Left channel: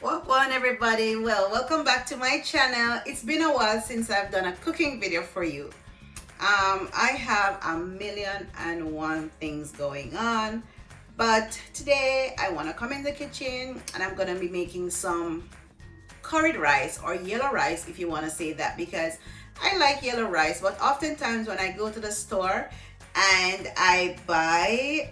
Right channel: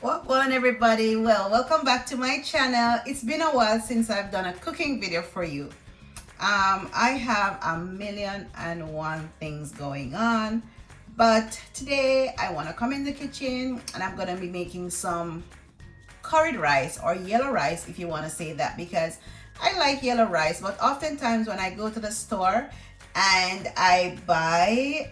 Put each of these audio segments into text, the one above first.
What on everybody? Well, welcome back to my channel. It's been a while since I've done a cooking video for you. I have a million and one things going on, but today I want to come in the kitchen and I'm going to be making some curried rice or yellow rice, if you want to say that, because I like yellow rice, but oftentimes when I go to the store and I buy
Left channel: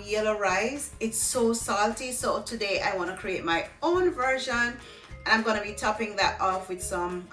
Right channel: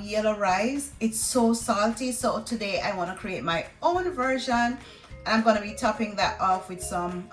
yellow rice, it's so salty. So today I want to create my own version, and I'm going to be topping that off with some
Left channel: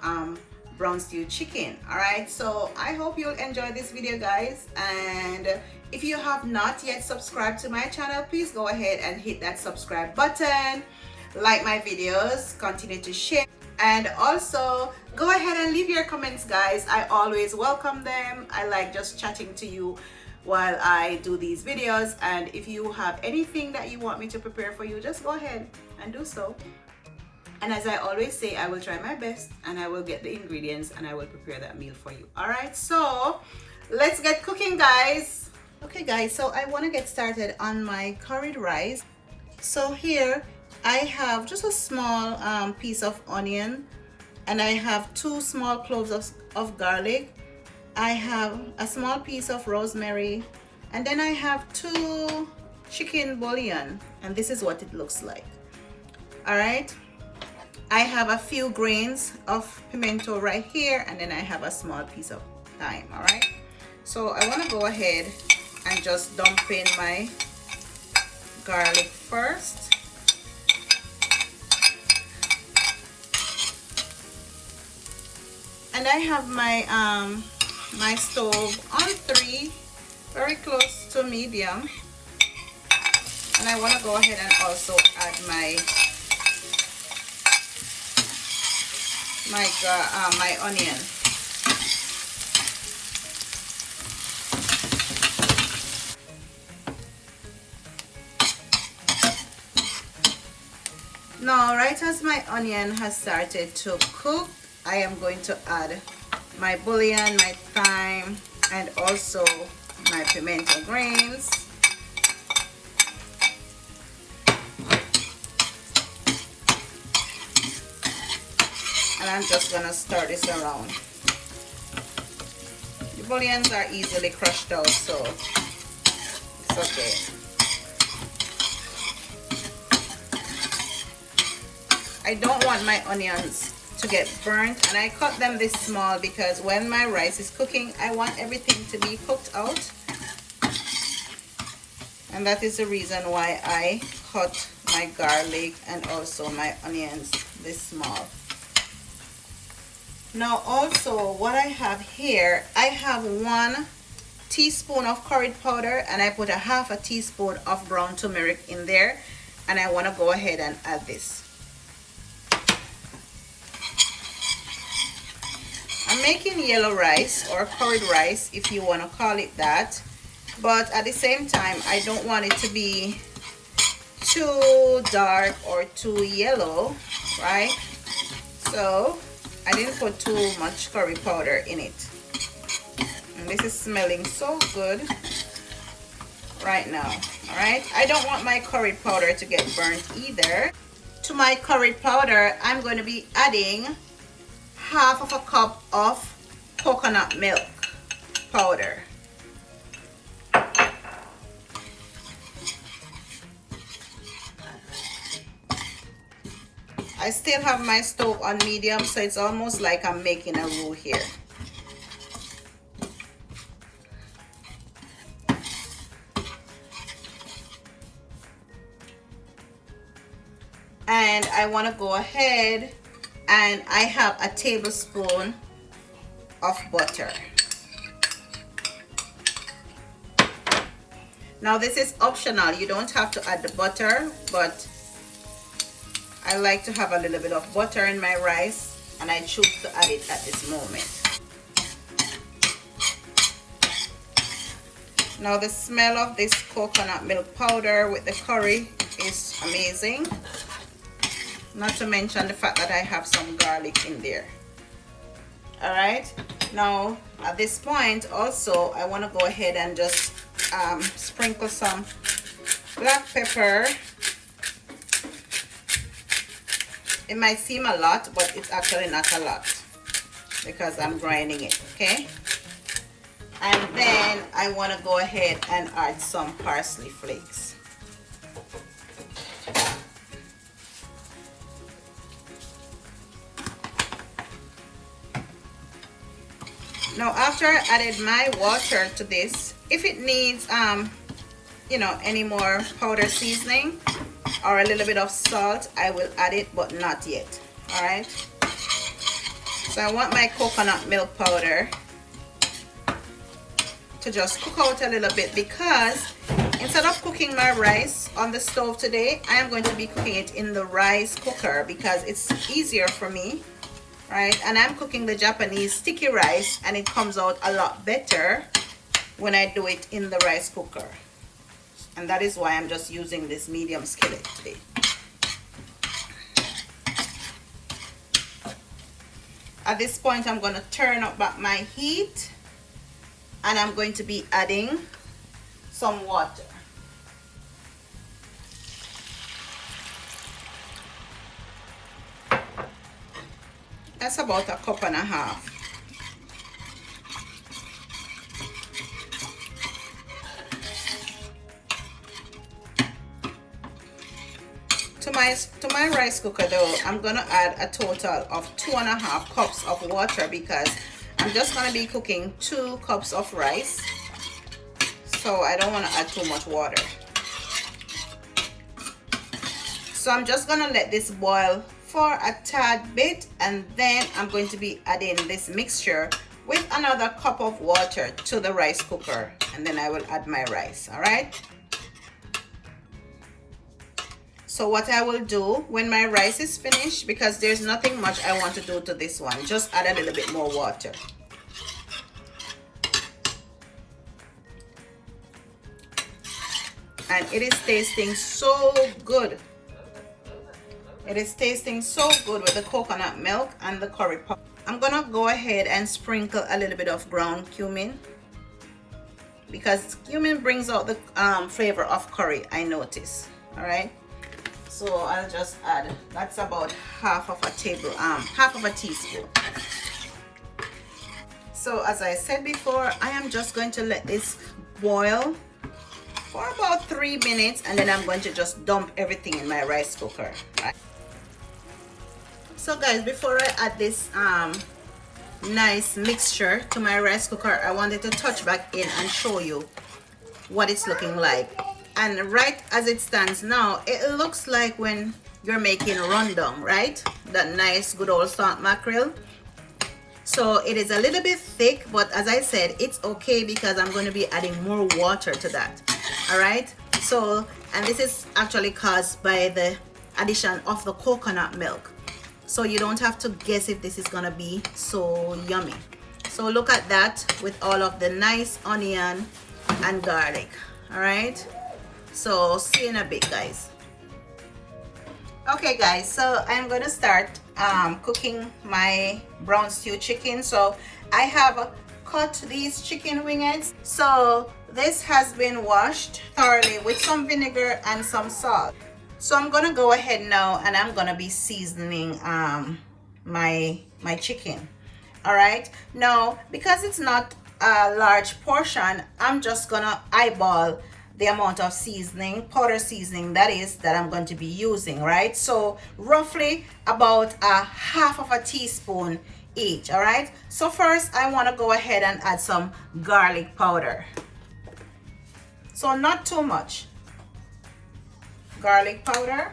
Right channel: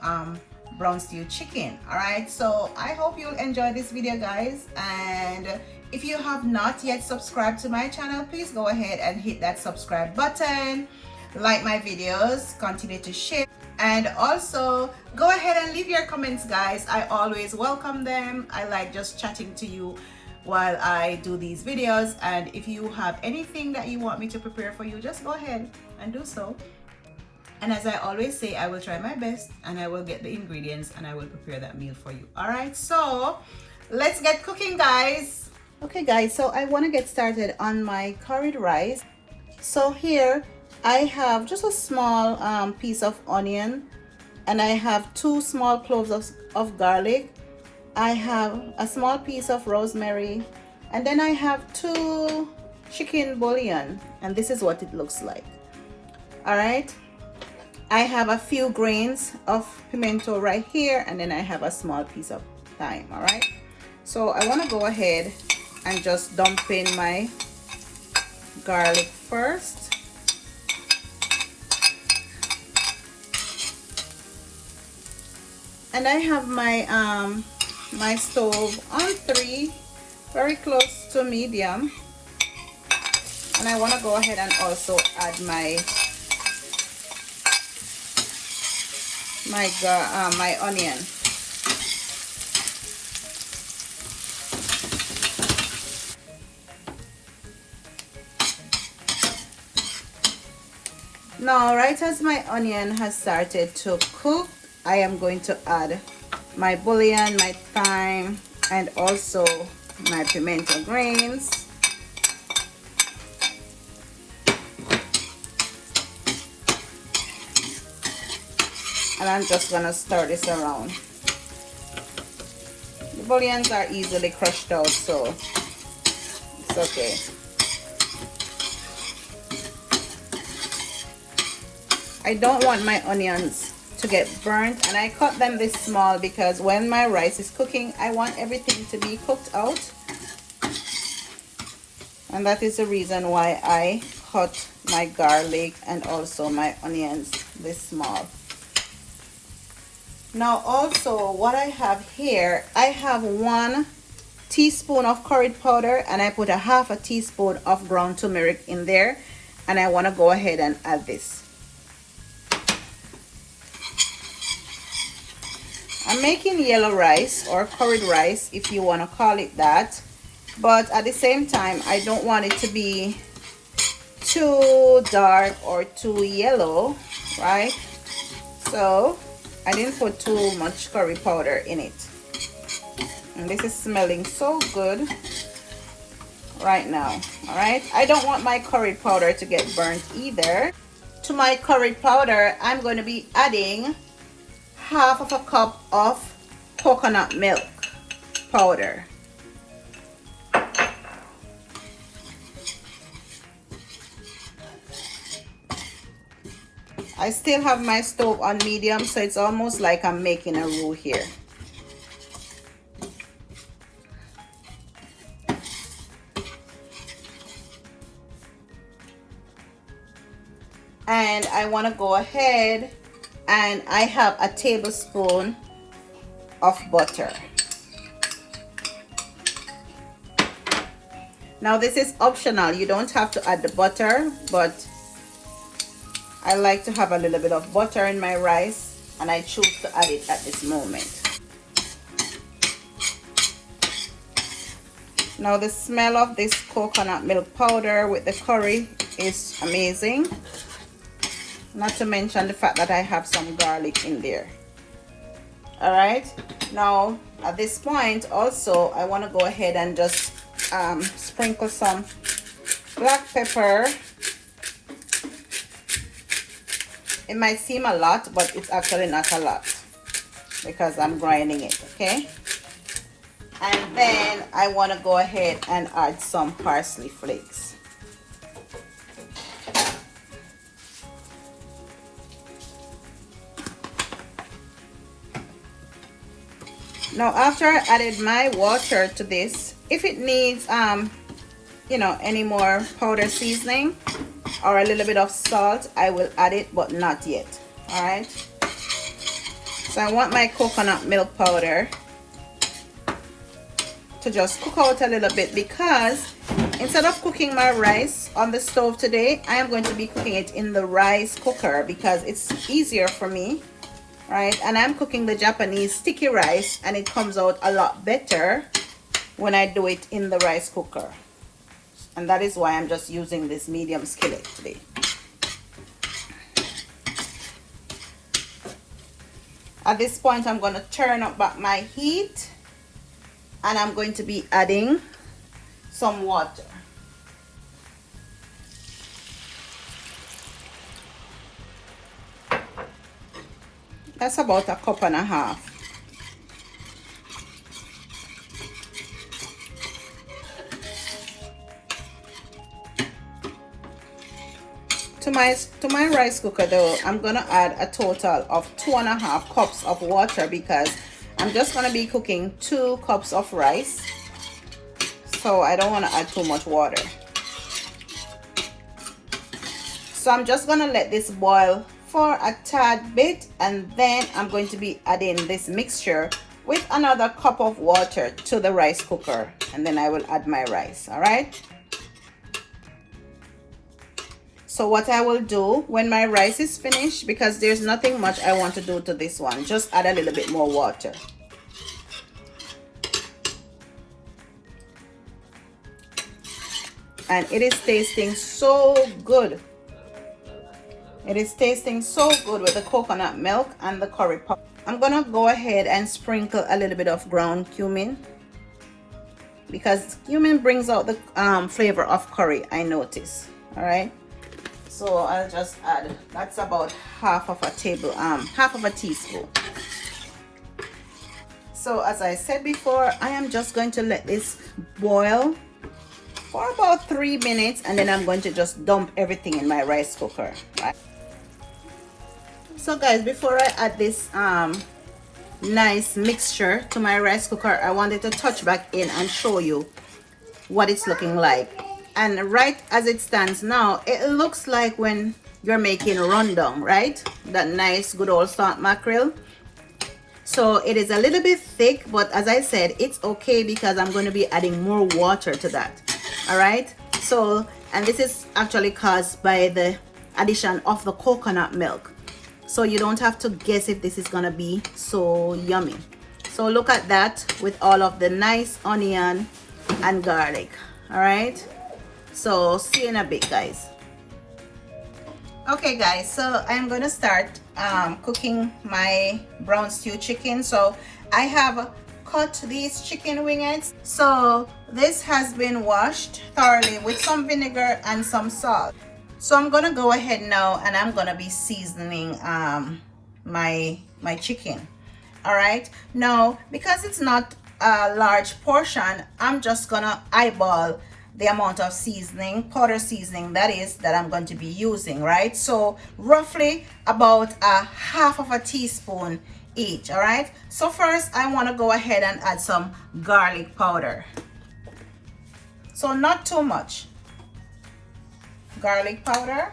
brown stew chicken. All right, so I hope you'll enjoy this video, guys. And if you have not yet subscribed to my channel, please go ahead and hit that subscribe button, like my videos, continue to share, and also go ahead and leave your comments, guys. I always welcome them. I like just chatting to you while I do these videos, and if you have anything that you want me to prepare for you, just go ahead and do so. And as I always say, I will try my best and I will get the ingredients and I will prepare that meal for you. All right, so let's get cooking, guys. Okay guys, so I want to get started on my curried rice. So here I have just a small piece of onion, and I have 2 small cloves of garlic. I have a small piece of rosemary, and then I have 2 chicken bouillon, and this is what it looks like. All right, I have a few grains of pimento right here, and then I have a small piece of thyme. All right, so I want to go ahead and just dump in my garlic first. And I have my my stove on 3, very close to medium, and I want to go ahead and also add my onion. Now, right as my onion has started to cook, I am going to add my bouillon, my thyme, and also my pimento grains. And I'm just gonna stir this around. The bouillons are easily crushed out, so it's okay. I don't want my onions to get burnt, and I cut them this small because when my rice is cooking, I want everything to be cooked out, and that is the reason why I cut my garlic and also my onions this small. Now also what I have here, I have 1 teaspoon of curry powder, and I put a half a teaspoon of ground turmeric in there, and I want to go ahead and add this. I'm making yellow rice or curried rice, if you want to call it that, but at the same time I don't want it to be too dark or too yellow, right? So I didn't put too much curry powder in it, and this is smelling so good right now. All right, I don't want my curry powder to get burnt either. To my curry powder, I'm going to be adding half of a cup of coconut milk powder. I still have my stove on medium, so it's almost like I'm making a roux here. And I want to go ahead, and I have a tablespoon of butter. Now this is optional, you don't have to add the butter, but I like to have a little bit of butter in my rice, and I choose to add it at this moment. Now the smell of this coconut milk powder with the curry is amazing. Not to mention the fact that I have some garlic in there. All right, now at this point also I want to go ahead and just sprinkle some black pepper It might seem a lot, but it's actually not a lot because I'm grinding it, okay? And then I want to go ahead and add some parsley flakes. Now after I added my water to this, if it needs you know, any more powder seasoning or a little bit of salt, I will add it, but not yet. All right, so I want my coconut milk powder to just cook out a little bit, because instead of cooking my rice on the stove today, I am going to be cooking it in the rice cooker because it's easier for me, right? And I'm cooking the Japanese sticky rice, and it comes out a lot better when I do it in the rice cooker. And that is why I'm just using this medium skillet today. At this point, I'm going to turn up back my heat, and I'm going to be adding some water. That's about a cup and a half. To my rice cooker though, I'm gonna add a total of 2.5 cups of water, because I'm just gonna be cooking 2 cups of rice, so I don't want to add too much water. So I'm just gonna let this boil for a tad bit, and then I'm going to be adding this mixture with another cup of water to the rice cooker, and then I will add my rice. All right, so what I will do when my rice is finished, because there's nothing much I want to do to this one, just add a little bit more water. And it is tasting so good. It is tasting so good with the coconut milk and the curry powder. I'm gonna go ahead and sprinkle a little bit of ground cumin, because cumin brings out the flavor of curry, I notice. All right, so I'll just add, that's about half of a teaspoon. So as I said before, I am just going to let this boil for about 3 minutes, and then I'm going to just dump everything in my rice cooker. Right? So guys, before I add this nice mixture to my rice cooker, I wanted to touch back in and show you what it's looking like. And right as it stands now, it looks like when you're making rundown, right? That nice good old salt mackerel. So it is a little bit thick, but as I said, it's okay because I'm going to be adding more water to that. All right, so, and this is actually caused by the addition of the coconut milk, so you don't have to guess if this is gonna be so yummy. So look at that, with all of the nice onion and garlic. All right, so see you in a bit, guys. Okay guys, so I'm gonna start cooking my brown stew chicken. So I have cut these chicken wingettes. So this has been washed thoroughly with some vinegar and some salt. So I'm gonna go ahead now and I'm gonna be seasoning my chicken. All right, now because it's not a large portion, I'm just gonna eyeball the amount of seasoning, powder seasoning that I'm going to be using, right? So roughly about a half of a teaspoon each. All right, so first I want to go ahead and add some garlic powder. So not too much garlic powder.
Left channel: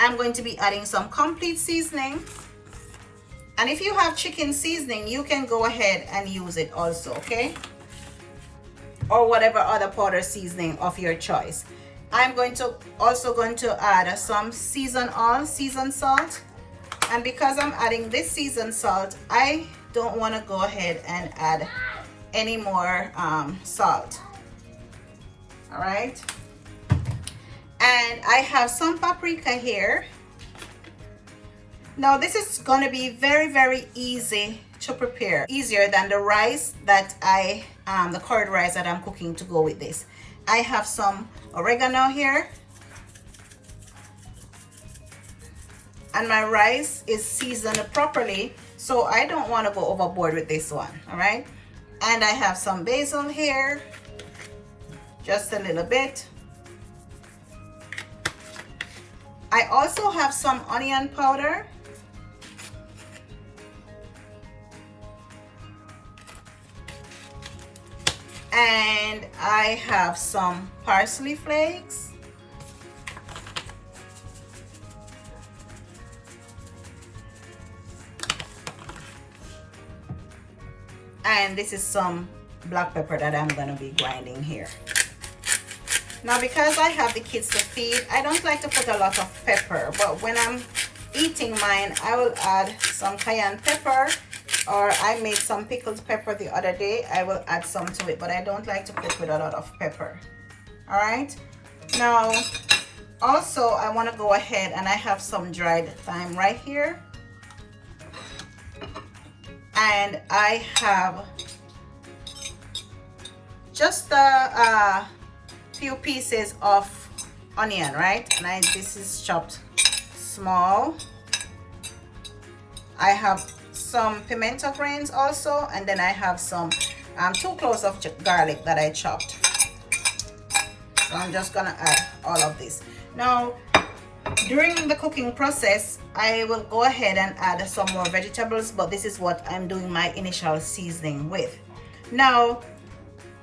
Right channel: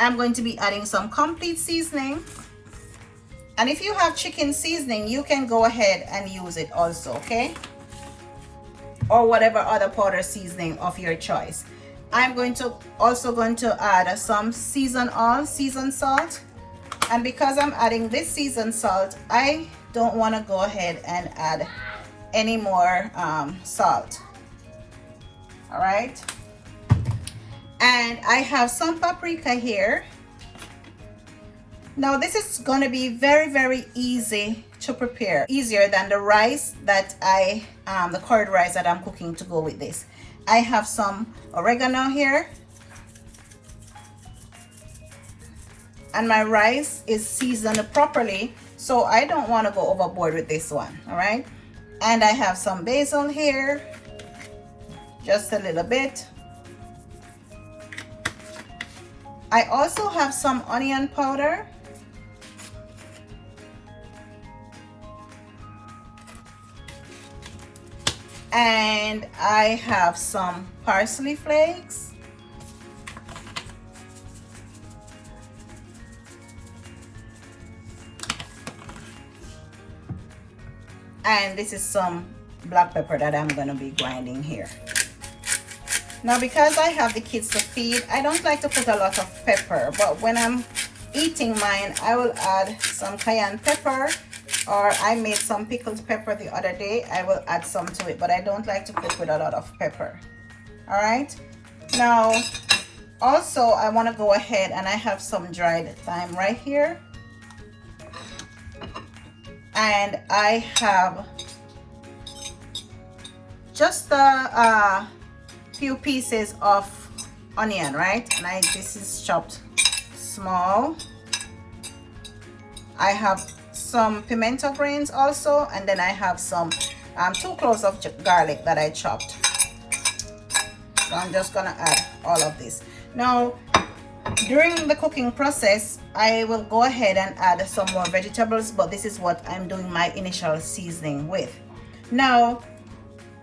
I'm going to be adding some complete seasoning, and if you have chicken seasoning, you can go ahead and use it also, okay, or whatever other powder seasoning of your choice. I'm also going to add some seasoned salt. And because I'm adding this seasoned salt, I don't want to go ahead and add any more salt. All right. And I have some paprika here. Now this is going to be very, very easy to prepare. Easier than the rice that the curd rice that I'm cooking to go with this. I have some oregano here. and my rice is seasoned properly, so I don't want to go overboard with this one. All right, and I have some basil here, just a little bit. I also have some onion powder. And I have some parsley flakes. And this is some black pepper that I'm going to be grinding here. Now, because I have the kids to feed, I don't like to put a lot of pepper, but when I'm eating mine, I will add some cayenne pepper, or I made some pickled pepper the other day. I will add some to it, but I don't like to cook with a lot of pepper. All right. Now, also, I want to go ahead and I have some dried thyme right here. And I have just a few pieces of onion, right? And this is chopped small. I have some pimento grains also, and then I have some 2 cloves of garlic that I chopped. So I'm just gonna add all of this. Now, during the cooking process, I will go ahead and add some more vegetables, but this is what I'm doing my initial seasoning with. Now,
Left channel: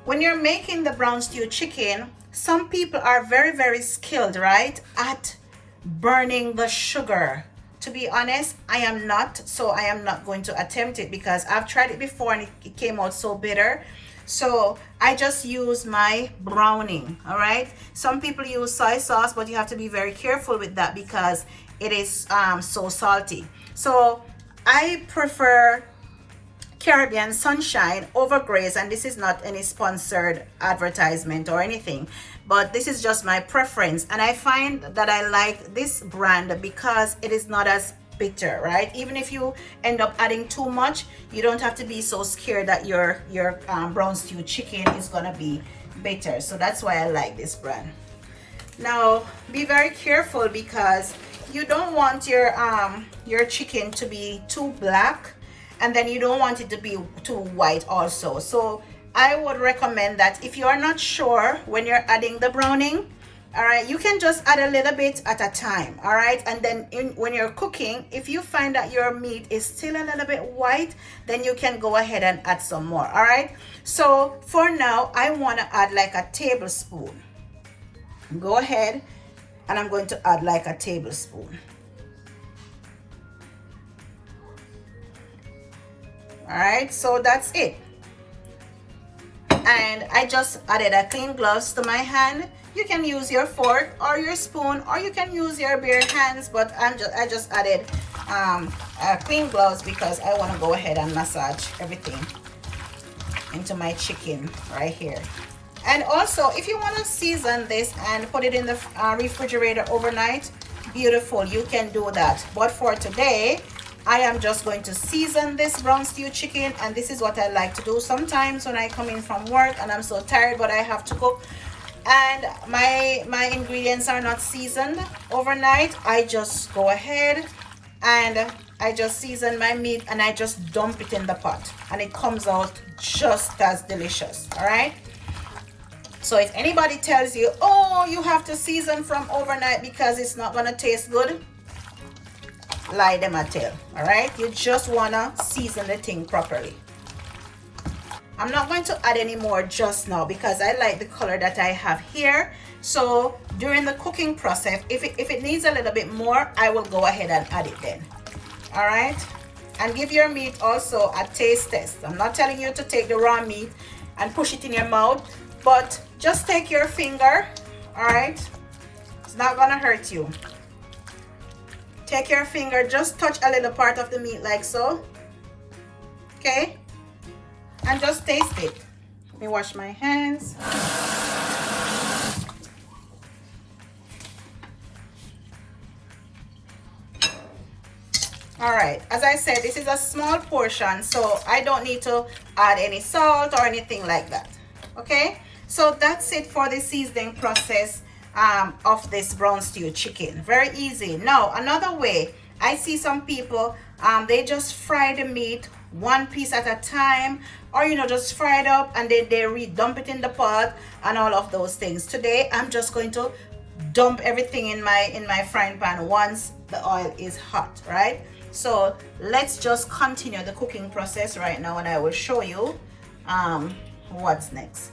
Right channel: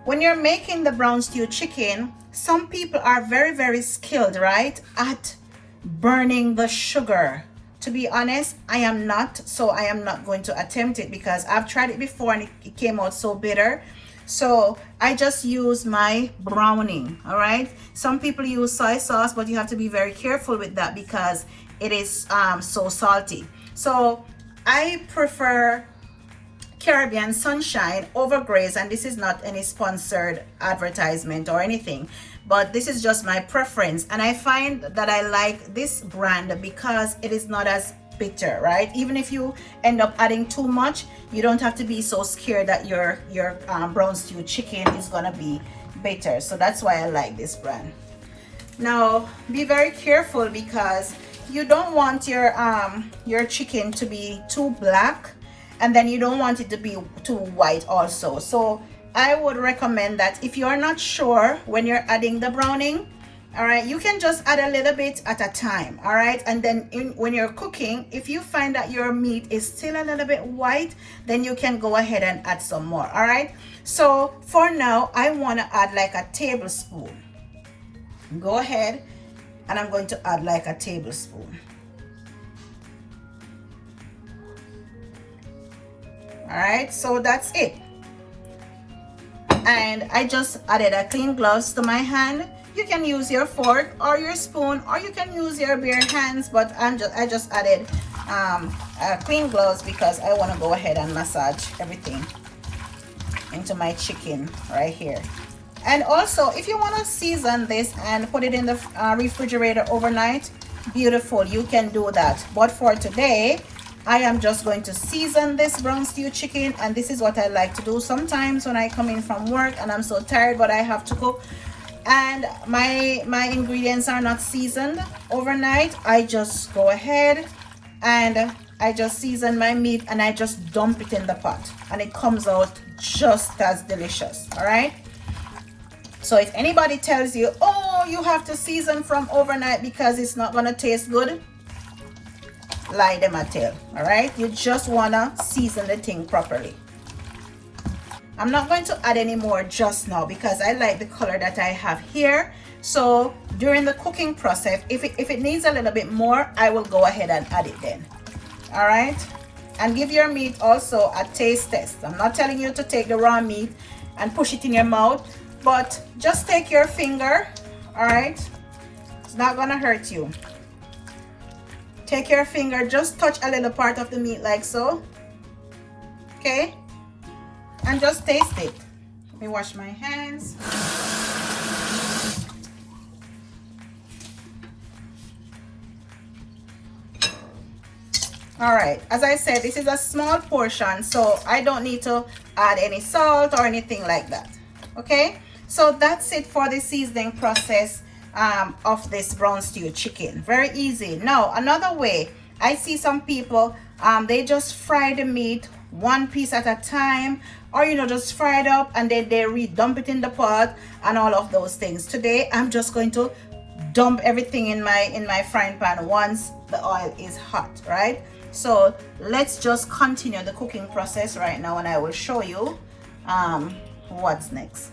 when you're making the brown stew chicken, some people are very skilled, right, at burning the sugar. To be honest, I am not, so I am not going to attempt it because I've tried it before and it came out so bitter. So I just use my browning. All right, some people use soy sauce, but you have to be very careful with that because it is so salty. So I prefer Caribbean Sunshine over Grace, and this is not any sponsored advertisement or anything, but this is just my preference. And I find that I like this brand because it is not as bitter, right? Even if you end up adding too much, you don't have to be so scared that your brown stew chicken is gonna be bitter. So that's why I like this brand. Now, be very careful because you don't want your chicken to be too black, and then you don't want it to be too white also. So I would recommend that if you are not sure when you're adding the browning, all right, you can just add a little bit at a time. All right, and then when you're cooking, if you find that your meat is still a little bit white, then you can go ahead and add some more. All right, so for now I want to add like a tablespoon. Go ahead, and I'm going to add like a tablespoon. All right, so that's it. And I just added a clean gloves to my hand. You can use your fork or your spoon, or you can use your bare hands, but I just added clean gloves because I want to go ahead and massage everything into my chicken right here. And also, if you want to season this and put it in the refrigerator overnight, beautiful, you can do that. But for today, I am just going to season this brown stew chicken, and this is what I like to do sometimes when I come in from work and I'm so tired but I have to cook and my ingredients are not seasoned overnight. I just go ahead and I just season my meat and I just dump it in the pot, and it comes out just as delicious. All right, so if anybody tells you, oh, you have to season from overnight because it's not going to taste good, lie them a tale. All right, you just want to season the thing properly. I'm not going to add any more just now because I like the color that I have here. So during the cooking process, if it needs a little bit more, I will go ahead and add it then. All right, and give your meat also a taste test. I'm not telling you to take the raw meat and push it in your mouth, but just take your finger. All right, it's not gonna hurt you. Take your finger, just touch a little part of the meat like so, okay, and just taste it. Let me wash my hands. All right, as I said, this is a small portion, so I don't need to add any salt or anything like that. Okay, so that's it for the seasoning process of this brown stew chicken. Very easy. Now, another way I see some people, they just fry the meat one piece at a time, or just fry it up and then they re-dump it in the pot and all of those things. Today I'm just going to dump everything in my frying pan once the oil is hot, right? So let's just continue the cooking process right now, and I will show you what's next.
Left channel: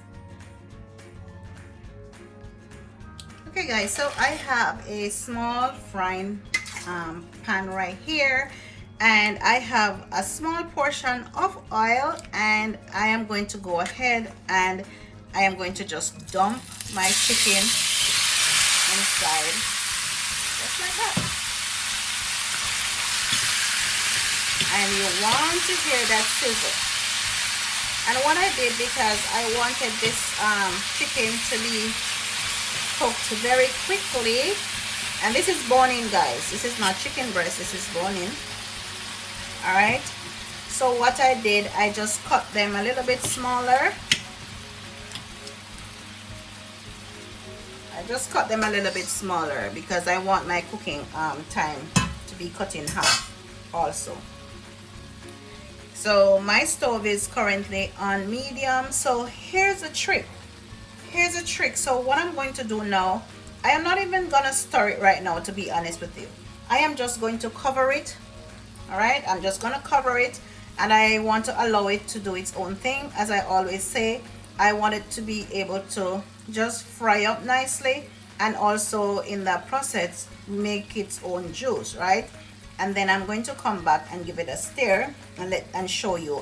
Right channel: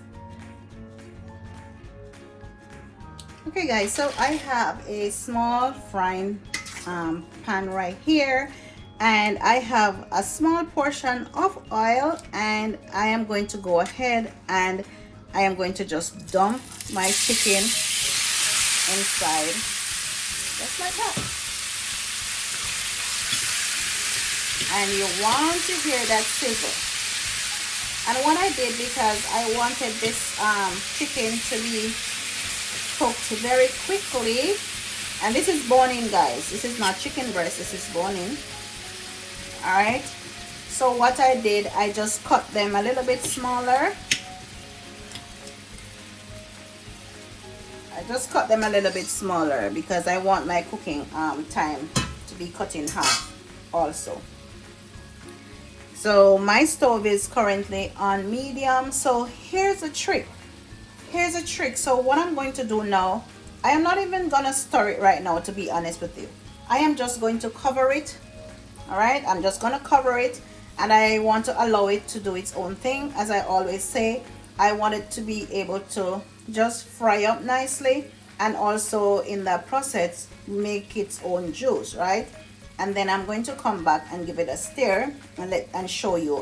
Okay guys, so I have a small frying pan right here, and I have a small portion of oil, and I am going to go ahead and I am going to just dump my chicken inside, just like that. And you want to hear that sizzle. And what I did, because I wanted this chicken to be cooked very quickly, and this is bone-in, guys, this is not chicken breast, this is bone-in. All right, so what I did, I just cut them a little bit smaller. I just cut them a little bit smaller because I want my cooking time to be cut in half also. So my stove is currently on medium. So here's a trick. Here's a trick. So what I'm going to do now, I am not even gonna stir it right now, to be honest with you. I am just going to cover it. All right, I'm just gonna cover it, and I want to allow it to do its own thing. As I always say, I want it to be able to just fry up nicely, and also in the process make its own juice, right? And then I'm going to come back and give it a stir and show you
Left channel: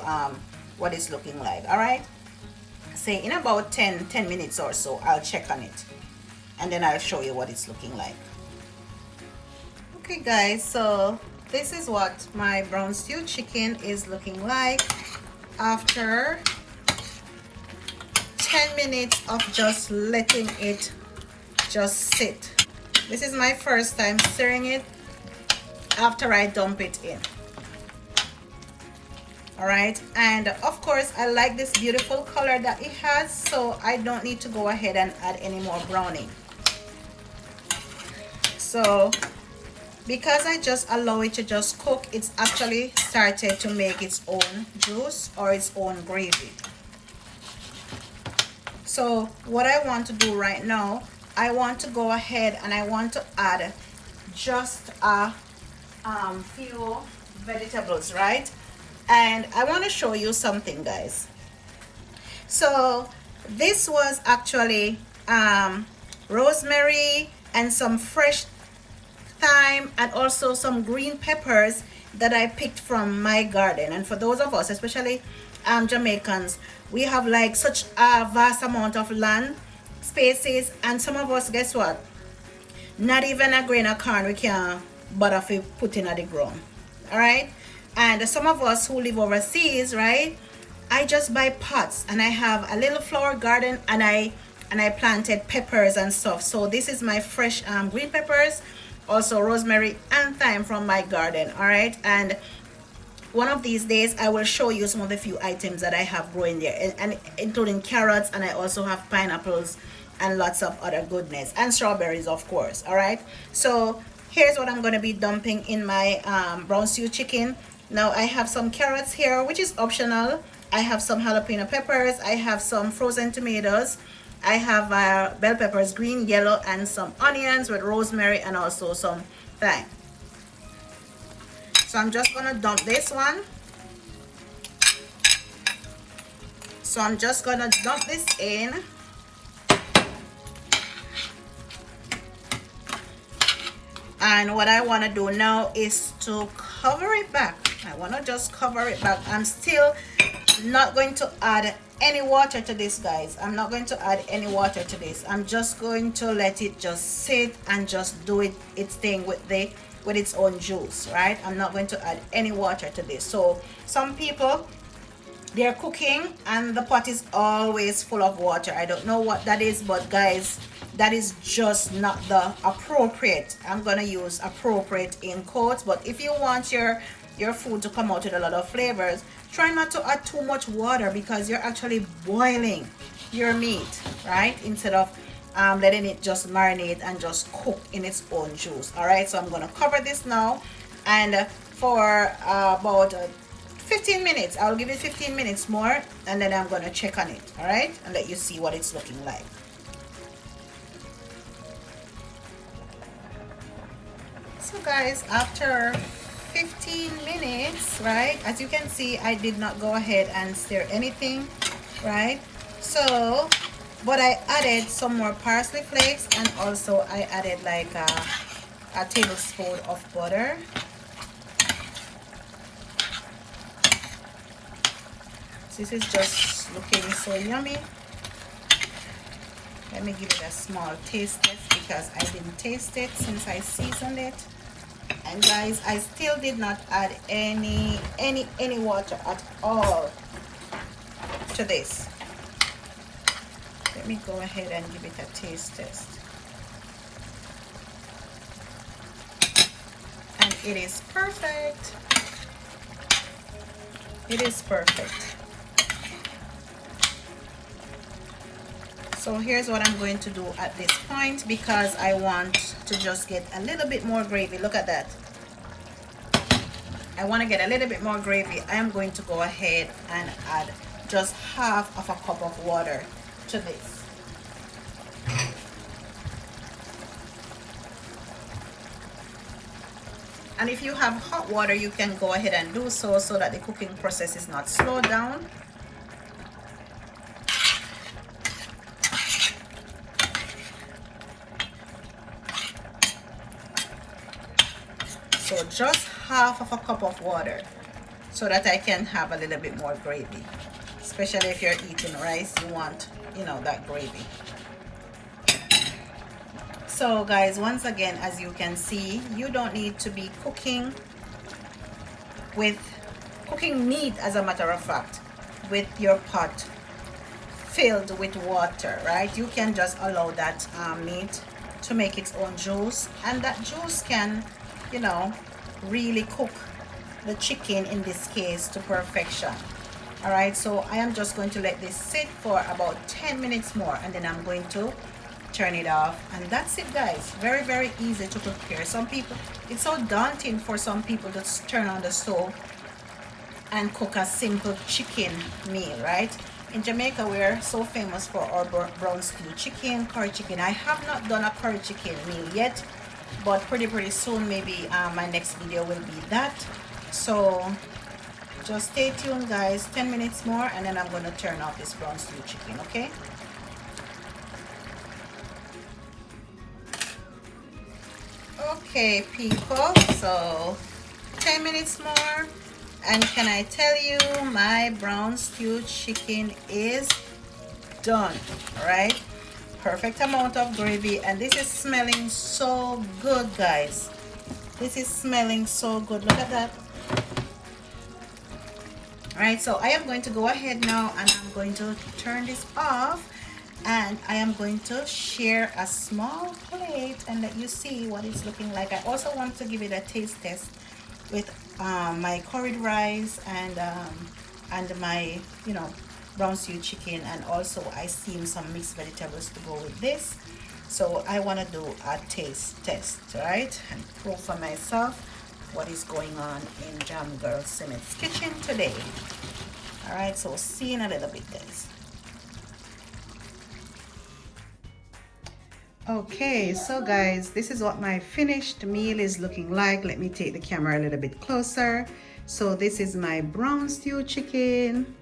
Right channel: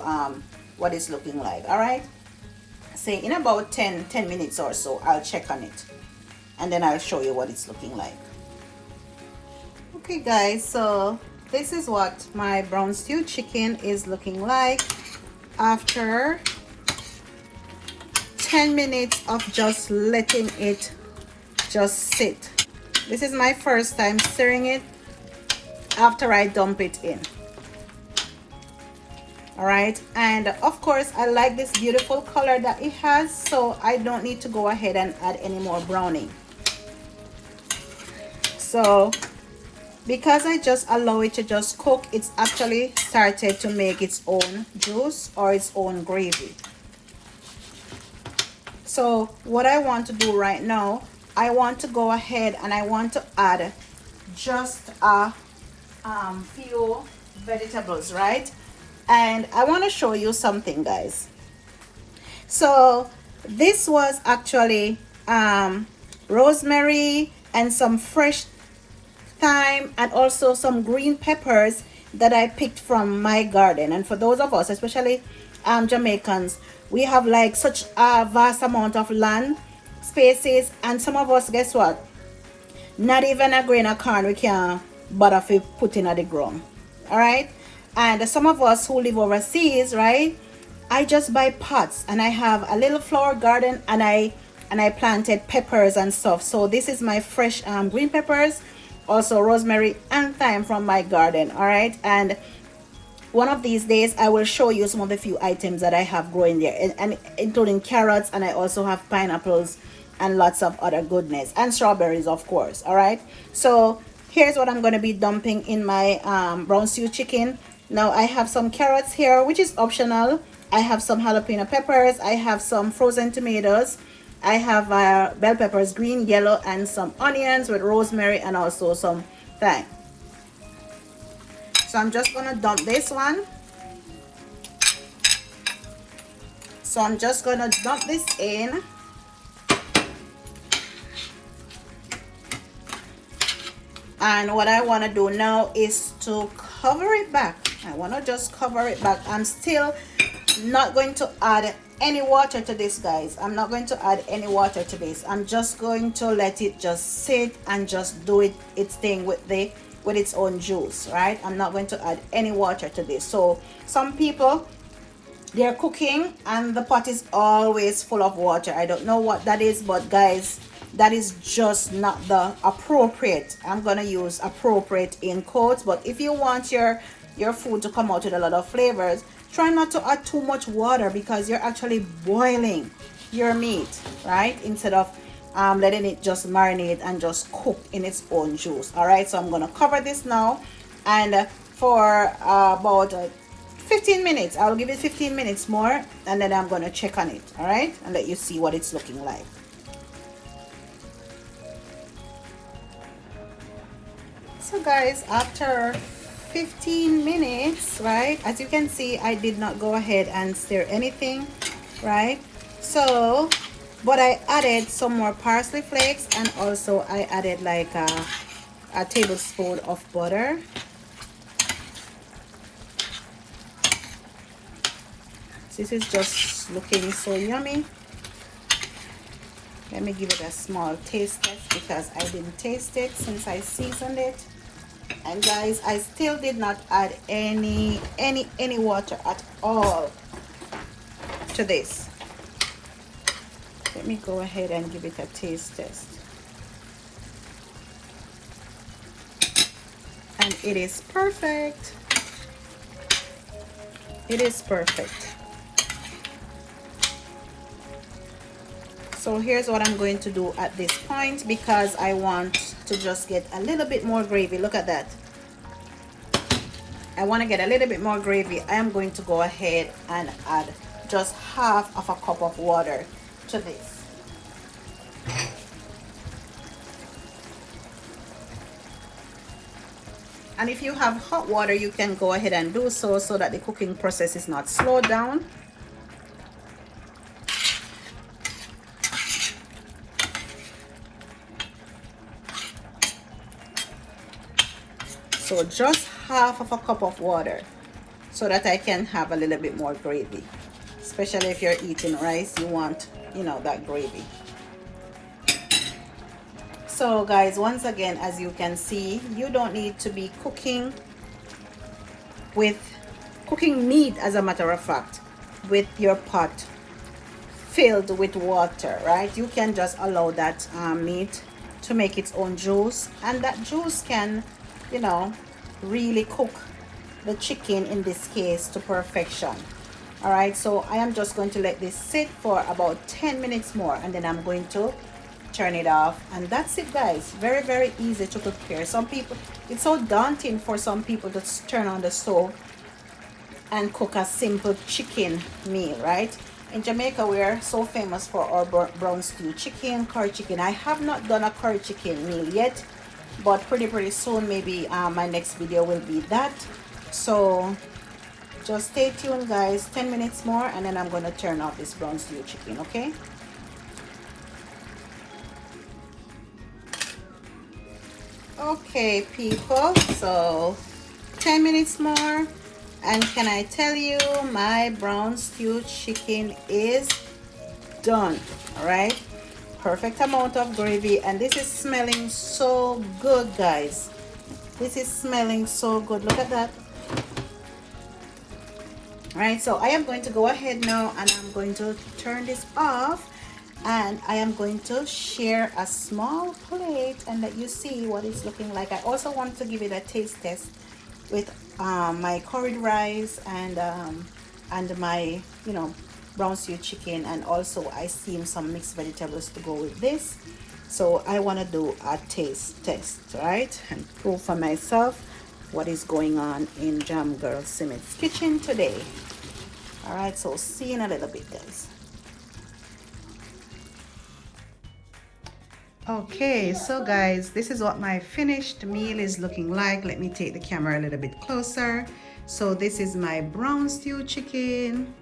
what it's looking like. All right, say in about 10 minutes or so I'll check on it, and then I'll show you what it's looking like. Okay guys, so this is what my brown stew chicken is looking like after 10 minutes of just letting it just sit. This is my first time stirring it after I dump it in. All right, and of course I like this beautiful color that it has, so I don't need to go ahead and add any more browning. So because I just allow it to just cook, it's actually started to make its own juice or its own gravy. So what I want to do right now, I want to go ahead and I want to add just a few vegetables, right? And I want to show you something, guys. So this was actually rosemary and some fresh thyme and also some green peppers that I picked from my garden. And for those of us, especially Jamaicans, we have like such a vast amount of land spaces, and some of us, guess what, not even a grain of corn we can bother to put in the ground. All right, and some of us who live overseas, right, I just buy pots, and I have a little flower garden, and I planted peppers and stuff. So this is my fresh green peppers, also rosemary and thyme from my garden. All right, and one of these days I will show you some of the few items that I have growing there, and including carrots, and I also have pineapples and lots of other goodness, and strawberries, of course. All right, so here's what I'm going to be dumping in my brown stew chicken. Now I have some carrots here, which is optional. I have some jalapeno peppers, I have some frozen tomatoes, I have bell peppers, green, yellow, and some onions with rosemary and also some thyme. So I'm just gonna dump this one. So I'm just gonna dump this in. And what I want to do now is to cover it back. I want to just cover it back. I'm still not going to add any water to this, guys. I'm not going to add any water to this. I'm just going to let it just sit and just do its thing with its own juice, right? I'm not going to add any water to this. So some people, they're cooking and the pot is always full of water. I don't know what that is, but guys, that is just not the appropriate. I'm gonna use appropriate in quotes, but if you want your food to come out with a lot of flavors, try not to add too much water, because you're actually boiling your meat, right, instead of letting it just marinate and just cook in its own juice. All right, so I'm gonna cover this now And for about 15 minutes, I'll give it 15 minutes more, and then I'm going to check on it, all right, and let you see what it's looking like. So guys, after 15 minutes, right, as you can see, I did not go ahead and stir anything, right? So but I added some more parsley flakes, and also I added like a tablespoon of butter. This is just looking so yummy. Let me give it a small taste test because I didn't taste it since I seasoned it. And guys, I still did not add any water at all to this. Let me go ahead and give it a taste test. And it is perfect. It is perfect. So here's what I'm going to do at this point, because I want to just get a little bit more gravy. Look at that. I want to get a little bit more gravy. I am going to go ahead and add just half of a cup of water to this. And if you have hot water, you can go ahead and do so that the cooking process is not slowed down. So just half of a cup of water so that I can have a little bit more gravy. Especially if you're eating rice, you want, you know, that gravy. So guys, once again, as you can see, you don't need to be cooking meat, as a matter of fact, with your pot filled with water, right? You can just allow that meat to make its own juice, and that juice can, you know, really cook the chicken in this case to perfection. All right, so I am just going to let this sit for about 10 minutes more, and then I'm going to turn it off, and that's it guys. Very, very easy to prepare. Some people, it's so daunting for some people to turn on the stove and cook a simple chicken meal, right? In Jamaica, we're so famous for our brown stew chicken, curry chicken. I have not done a curry chicken meal yet, but pretty soon, maybe my next video will be that. So just stay tuned guys. 10 minutes more, and then I'm going to turn off this brown stew chicken, okay? Okay people, so 10 minutes more, and can I tell you, my brown stew chicken is done. All right, perfect amount of gravy, and this is smelling so good guys. This is smelling so good. Look at that. All right, so I am going to go ahead now, and I'm going to turn this off, and I am going to share a small plate and let you see what it's looking like. I also want to give it a taste test with my curried rice and my, you know, brown stew chicken, and also I steamed some mixed vegetables to go with this. So I want to do a taste test, right, and prove for myself what is going on in Jamgirl Simmet's kitchen today. All right, so see you in a little bit guys. Okay, so guys, this is what my finished meal is looking like. Let me take the camera a little bit closer. So this is my brown stew chicken.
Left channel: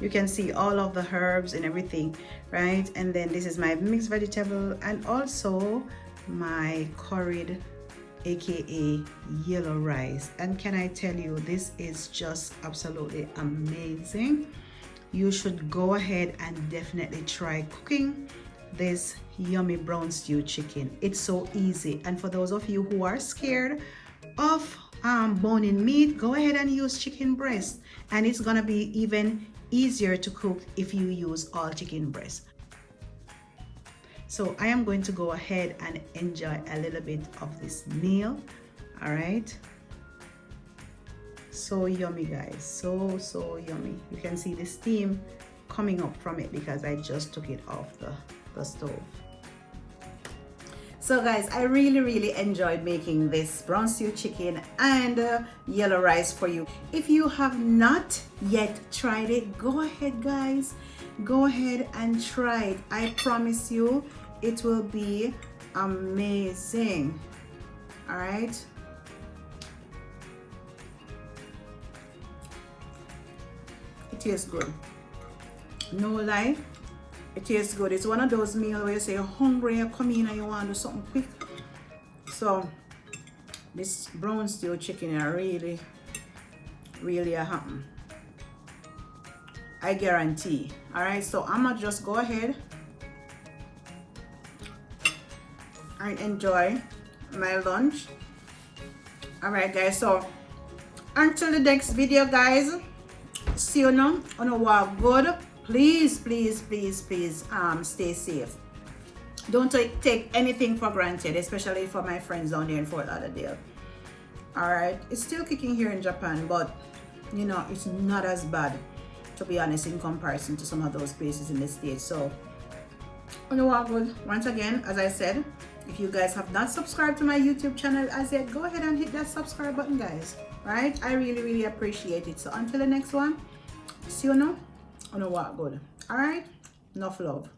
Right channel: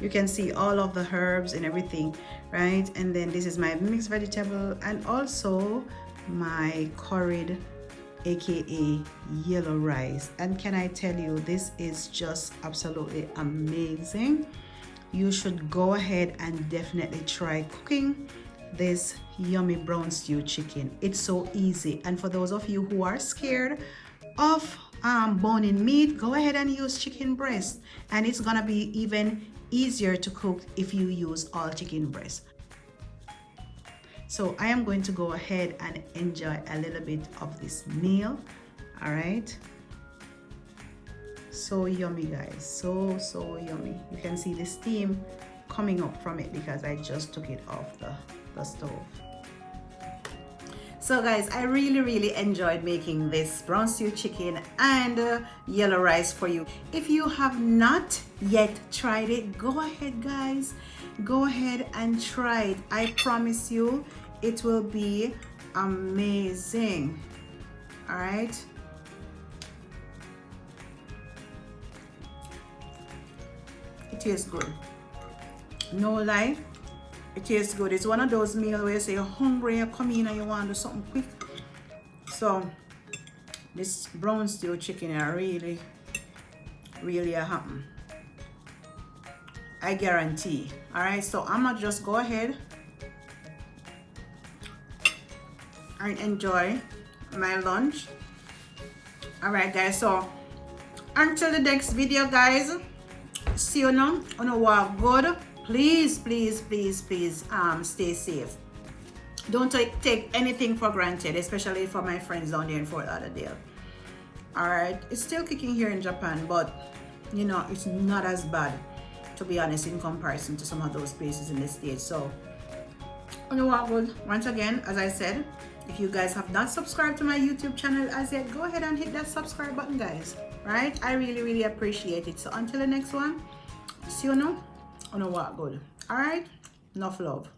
You can see all of the herbs and everything, right? And then this is my mixed vegetable, and also my curried, aka yellow rice. And can I tell you, this is just absolutely amazing. You should go ahead and definitely try cooking this yummy brown stew chicken. It's so easy, and for those of you who are scared of boning meat, go ahead and use chicken breast, and it's gonna be even easier to cook if you use all chicken breast. So I am going to go ahead and enjoy a little bit of this meal. All right, so yummy guys, so yummy. You can see the steam coming up from it because I just took it off the stove. So guys, I really enjoyed making this brown stew chicken and yellow rice for you. If you have not yet tried it, go ahead guys, go ahead and try it. I promise you it will be amazing. All right, it tastes good, no lie. It tastes good. It's one of those meals where you say you're hungry, you come in and you want to do something quick. So this brown stew chicken is really a happen. I guarantee. All right, so I'm gonna just go ahead and enjoy my lunch. All right guys, so until the next video guys, see you now on a walk good. Please stay safe. Don't take anything for granted, especially for my friends down there in Fort Lauderdale. All right, it's still kicking here in Japan, but you know, it's not as bad, to be honest, in comparison to some of those places in the States. So you know what, good. Once again, as I said, if you guys have not subscribed to my YouTube channel as yet, go ahead and hit that subscribe button guys. Right, I really appreciate it. So until the next one, see you now on a walk good. All right, enough love.